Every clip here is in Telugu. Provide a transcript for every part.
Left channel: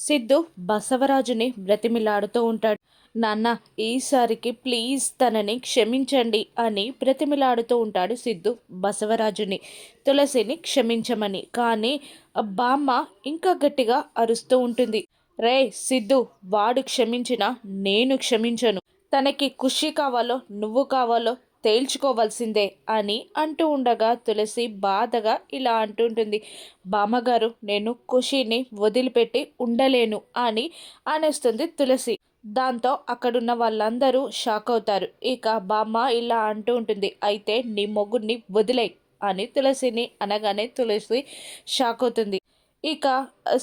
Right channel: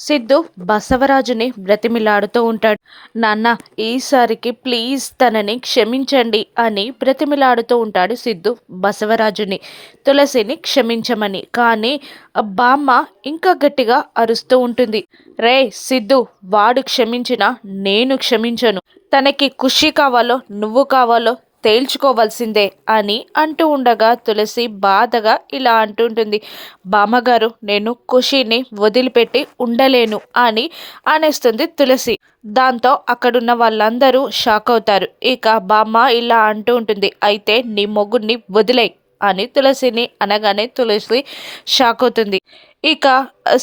సిద్ధు బసవరాజుని బ్రతిమిలాడుతూ ఉంటాడు. నాన్న ఈసారికి ప్లీజ్ తనని క్షమించండి అని బ్రతిమిలాడుతూ ఉంటాడు సిద్ధు బసవరాజుని. తులసిని క్షమించమని కానీ బామ్మ ఇంకా గట్టిగా అరుస్తూ ఉంటుంది. రే సిద్ధు వాడు క్షమించినా నేను క్షమించను. తనకి ఖుషి కావాలో నువ్వు కావాలో తేల్చుకోవాల్సిందే అని అంటూ ఉండగా తులసి బాధగా ఇలా అంటుంటుంది. బామ్మగారు నేను ఖుషిని వదిలిపెట్టి ఉండలేను అని అనేస్తుంది తులసి. దాంతో అక్కడున్న వాళ్ళందరూ షాక్ అవుతారు. ఇక బామ్మ ఇలా అంటూ ఉంటుంది. అయితే నీ మొగ్గుని వదిలే అని తులసిని అనగానే తులసి షాక్ అవుతుంది. ఇక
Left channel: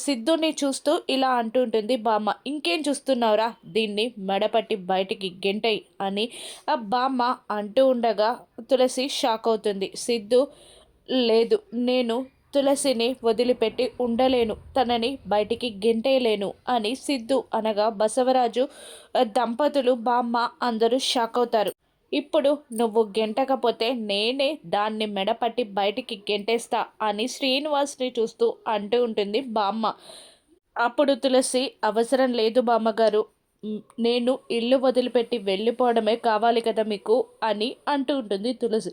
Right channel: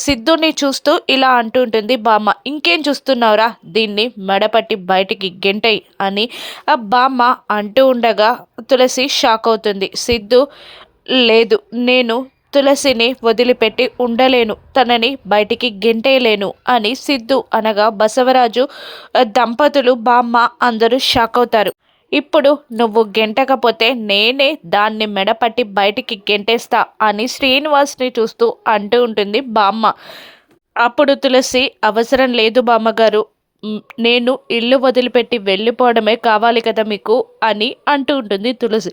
సిద్ధుని చూస్తూ ఇలా అంటుంటుంది బామ్మ ఇంకేం చూస్తున్నావురా? దీన్ని మెడపట్టి బయటికి గెంటై అని బామ్మ అంటూ ఉండగా తులసి షాక్ అవుతుంది. సిద్ధు లేదు నేను తులసిని వదిలిపెట్టి ఉండలేను తనని బయటికి గెంటేయలేను అని సిద్ధు అనగా బసవరాజు దంపతులు బామ్మ అందరూ షాక్ అవుతారు. ఇప్పుడు నువ్వు గెంటకపోతే నేనే దాన్ని మెడపట్టి బయటికి గెంటేస్తా అని శ్రీనివాస్ని చూస్తూ అంటూ ఉంటుంది బామ్మ. అప్పుడు తులసి అవసరం లేదు బామ్మగారు నేను ఇల్లు వదిలిపెట్టి వెళ్ళిపోవడమే కావాలి కదా మీకు అని అంటూ ఉంటుంది తులసి.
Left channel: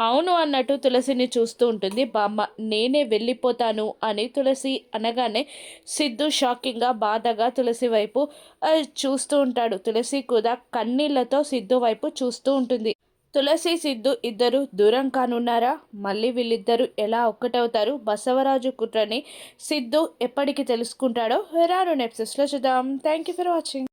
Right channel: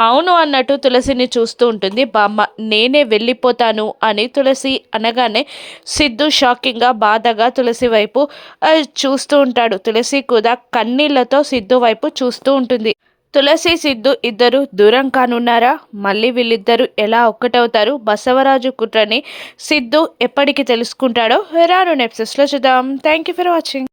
అవును అన్నట్టు తులసిని చూస్తూ ఉంటుంది. బామ్మ నేనే వెళ్ళిపోతాను అని తులసి అనగానే సిద్ధు షాకింగ్గా బాధగా తులసి వైపు చూస్తూ ఉంటాడు. తులసి కూడా కన్నీళ్ళతో సిద్ధు వైపు చూస్తూ ఉంటుంది. తులసి సిద్ధు ఇద్దరు దూరం కానున్నారా? మళ్ళీ వీళ్ళిద్దరూ ఎలా ఒక్కటవుతారు? బసవరాజు కుట్రని సిద్ధు ఎప్పటికి తెలుసుకుంటాడో? రాను నెప్సెస్లో చూద్దాం. Thank you for watching